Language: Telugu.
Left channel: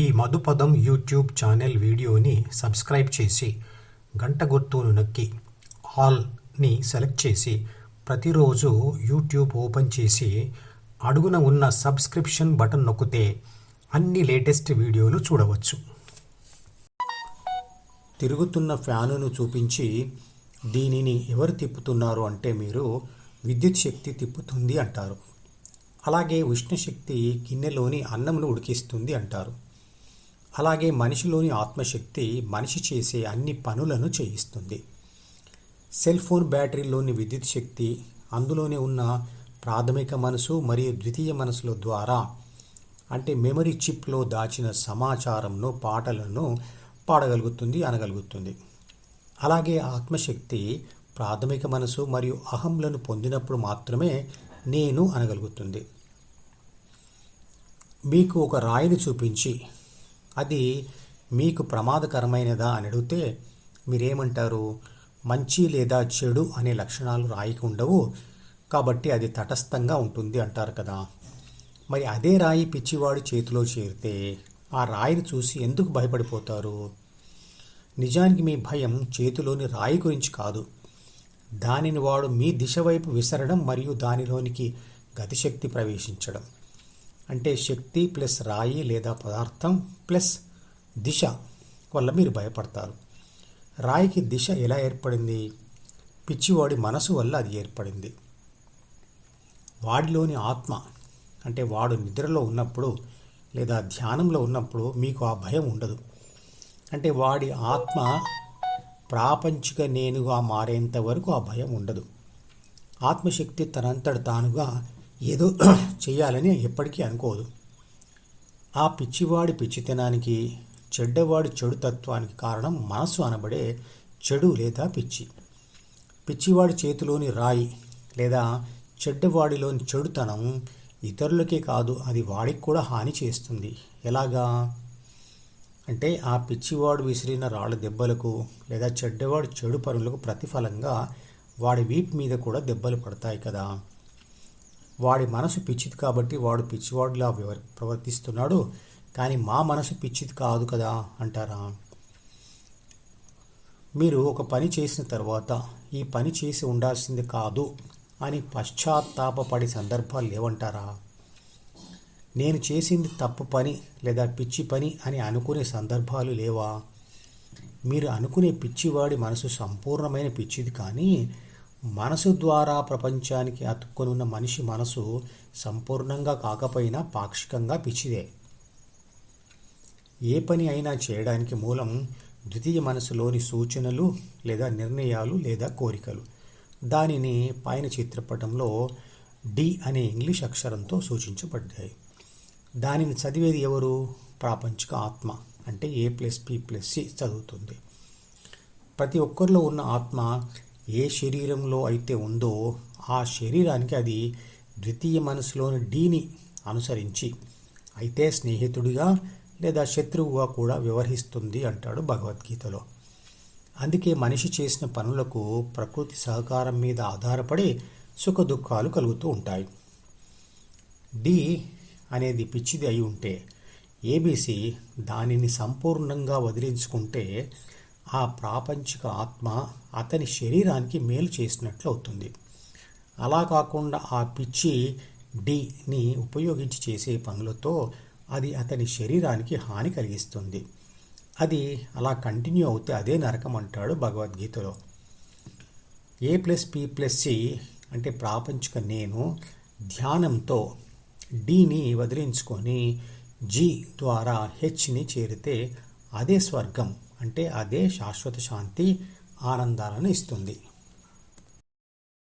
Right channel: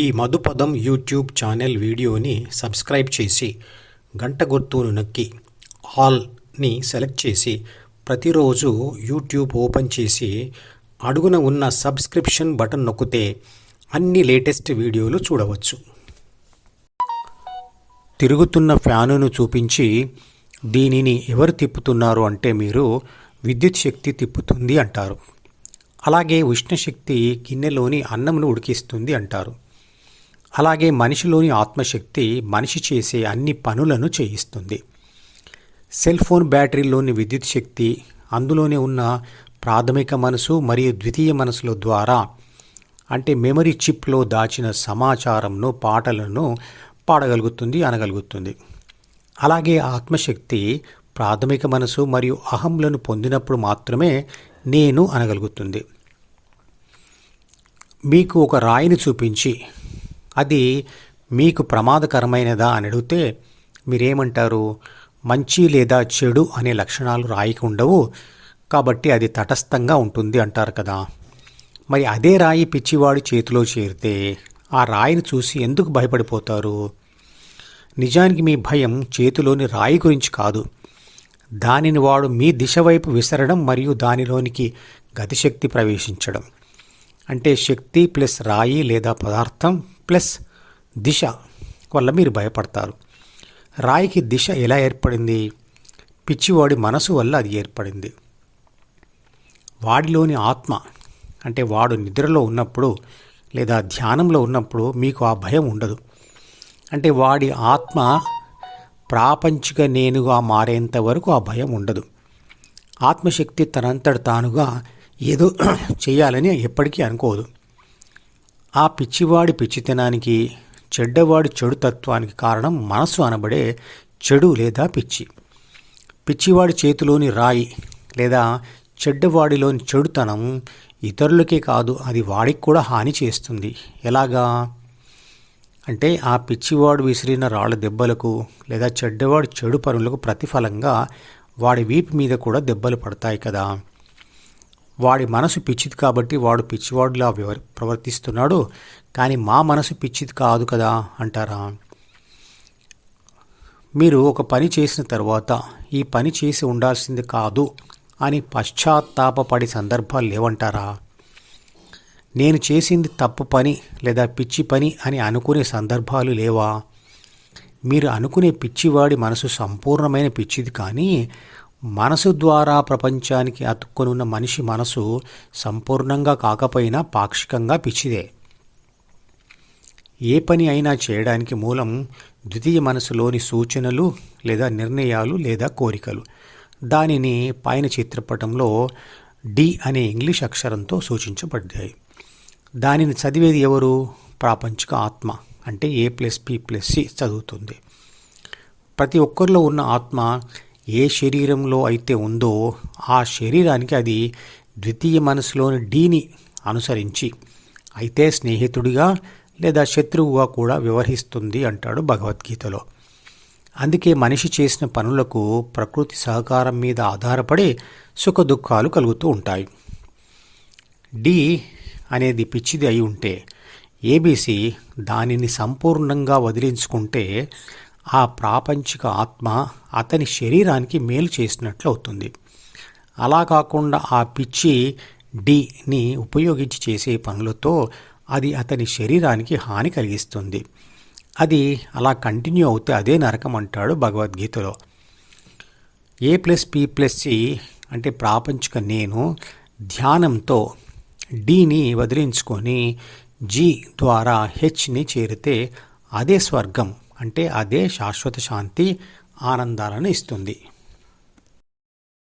ఈ మధుపదం యూట్యూబ్ ఛానల్ వీడియోని సబ్స్క్రైబ్ చేసి గంట గుర్తును నొక్కి ఆల్ని సెలెక్ట్ చేసి ప్రతిరోజు యూట్యూబ్ ఓపెన్ చేసి అడుగున ఉన్న సబ్స్క్రిప్షన్ బటన్ నొక్కితే అన్ని లేటెస్ట్ వీడియోలు చూడవచ్చు. తిరుగుతున్న ఫ్యానును చూపించి దీనిని ఎవరు తిప్పుతున్నారు అంటే మీరు విద్యుత్ శక్తి తిప్పుతుంది అంటారు. అలాగే ఉష్ణశక్తి గిన్నెలోని అన్నంను ఉడికిస్తుంది అంటారు. అలాగే మనిషిలోని ఆత్మశక్తి మనిషి చేసే అన్ని పనులను చేయిస్తుంది. సెల్ ఫోన్ బ్యాటరీలోని విద్యుత్ శక్తి అందులోనే ఉన్న ప్రాథమిక మనసు మరియు ద్వితీయ మనసుల ద్వారా అంటే మెమరీ చిప్లో దాచిన సమాచారంను పాటలను పాడగలుగుతుంది అనగలుగుతుంది. అలాగే ఆత్మశక్తి ప్రాథమిక మనసు మరియు అహంలను పొందినప్పుడు మాత్రమే నేను అనగలుగుతుంది. మీకు ఒక రాయిని చూపించి అది మీకు ప్రమాదకరమైనదా అని అడిగితే మీరేమంటారు? మంచి లేదా చెడు అనే లక్షణాలు రాయికి ఉండవు కాబట్టి అది తటస్థంగా ఉంటుంది అంటారు కదా. మరి అదే రాయి పిచ్చివాడి చేతిలో చేరితే ఆ రాయిని చూసి ఎందుకు భయపడిపోతారు? నిజానికి మీ భయం చేతిలోని రాయి గురించి కాదు. దానిని వాడు మీ దిశ వైపు విసరడం మరియు దానిలోనికి గతిశక్తి ప్రవేశించడం. అంటే శక్తి ప్లస్ రాయి లేదా పదార్థం ప్లస్ దిశ వల్ల మీరు భయపడతారు. రాయికి దిశ ఎలా ఏర్పడింది? పిచ్చివాడి మనసు వల్ల అది ఏర్పడింది. వాడిలోని ఆత్మ అంటే వాడు నిద్రలో ఉన్నప్పుడు లేదా ధ్యానంలో ఉన్నప్పుడు మీకు ఆ భయం ఉండదు. అంటే వాడి ఆత్మ ప్రాపంచిక నేనుగా మారేంత వరకు ఆ భయం ఉండదు. ఆత్మశక్తి తనంతట తానుగా ఏదో చేయాలని ఎప్పటికీ అనుకోదు. ఆ పిచ్చివాడి పిచ్చితనానికి చెడ్డవాడి చెడు తత్వానికి కారణం మనసు అనబడే చెడు లేదా పిచ్చి. పిచ్చివాడి చేతిలోని రాయి లేదా చెడ్డవాడిలోని చెడుతనం ఇతరులకే కాదు అది వాడికి కూడా హాని చేస్తుంది. ఎలాగా? అంటే ఆ పిచ్చివాడు విసిరిన రాళ్ళ దెబ్బలకు లేదా చెడ్డవాడు చెడు పనులకు ప్రతిఫలంగా వాడి వీపు మీద కూడా దెబ్బలు పడతాయి కదా. వాడి మనసు పిచ్చిది కాబట్టి వాడు పిచ్చివాడులా ప్రవర్తిస్తున్నాడు. కానీ మా మనసు పిచ్చిది కాదు కదా అంటారా? మీరు ఒక పని చేసిన తర్వాత ఈ పని చేసి ఉండాల్సింది కాదు అని పశ్చాత్తాపపడే సందర్భాలు లేవంటారా? నేను చేసింది తప్పు పని లేదా పిచ్చి పని అని అనుకునే సందర్భాలు లేవా? మీరు అనుకునే పిచ్చివాడి మనసు సంపూర్ణమైన పిచ్చిది కానీ మనసు ద్వారా ప్రపంచానికి అతుక్కునున్న మనిషి మనసు సంపూర్ణంగా కాకపోయినా పాక్షికంగా పిచ్చిదే. ఏ పని అయినా చేయడానికి మూలం ద్వితీయ మనసులోని సూచనలు లేదా నిర్ణయాలు లేదా కోరికలు. దానిని పైన చిత్రపటంలో డి అనే ఇంగ్లీష్ అక్షరంతో సూచించబడ్డాయి. దానిని చదివేది ఎవరు? ప్రాపంచిక ఆత్మ అంటే A plus P plus C చదువుతుంది. ప్రతి ఒక్కరిలో ఉన్న ఆత్మ ఏ శరీరంలో అయితే ఉందో ఆ శరీరానికి అది ద్వితీయ మనసులోని డీని అనుసరించి అయితే స్నేహితుడిగా లేదా శత్రువుగా కూడా వ్యవహరిస్తుంది అంటాడు భగవద్గీతలో. అందుకే మనిషి చేసిన పనులకు ప్రకృతి సహకారం మీద ఆధారపడి సుఖ దుఃఖాలు కలుగుతూ ఉంటాయి. డి అనేది పిచ్చిది అయి ఉంటే ఏబీసీ దానిని సంపూర్ణంగా వదిలించుకుంటే ఆ ప్రాపంచిక ఆత్మ అతని శరీరానికి మేలు చేసినట్లు అవుతుంది. అలా కాకుండా ఆ పిచ్చి డిని ఉపయోగించి చేసే పనులతో అది అతని శరీరానికి హాని కలిగిస్తుంది. అది అలా కంటిన్యూ అవుతే అదే నరకం అంటాడు భగవద్గీతలో. A plus P plus C అంటే ప్రాపంచిక నేను ధ్యానంతో డిని వదిలించుకొని జీ ద్వారా హెచ్ని చేరితే అదే స్వర్గం అంటే అదే శాశ్వత శాంతి ఆనందాలను ఇస్తుంది.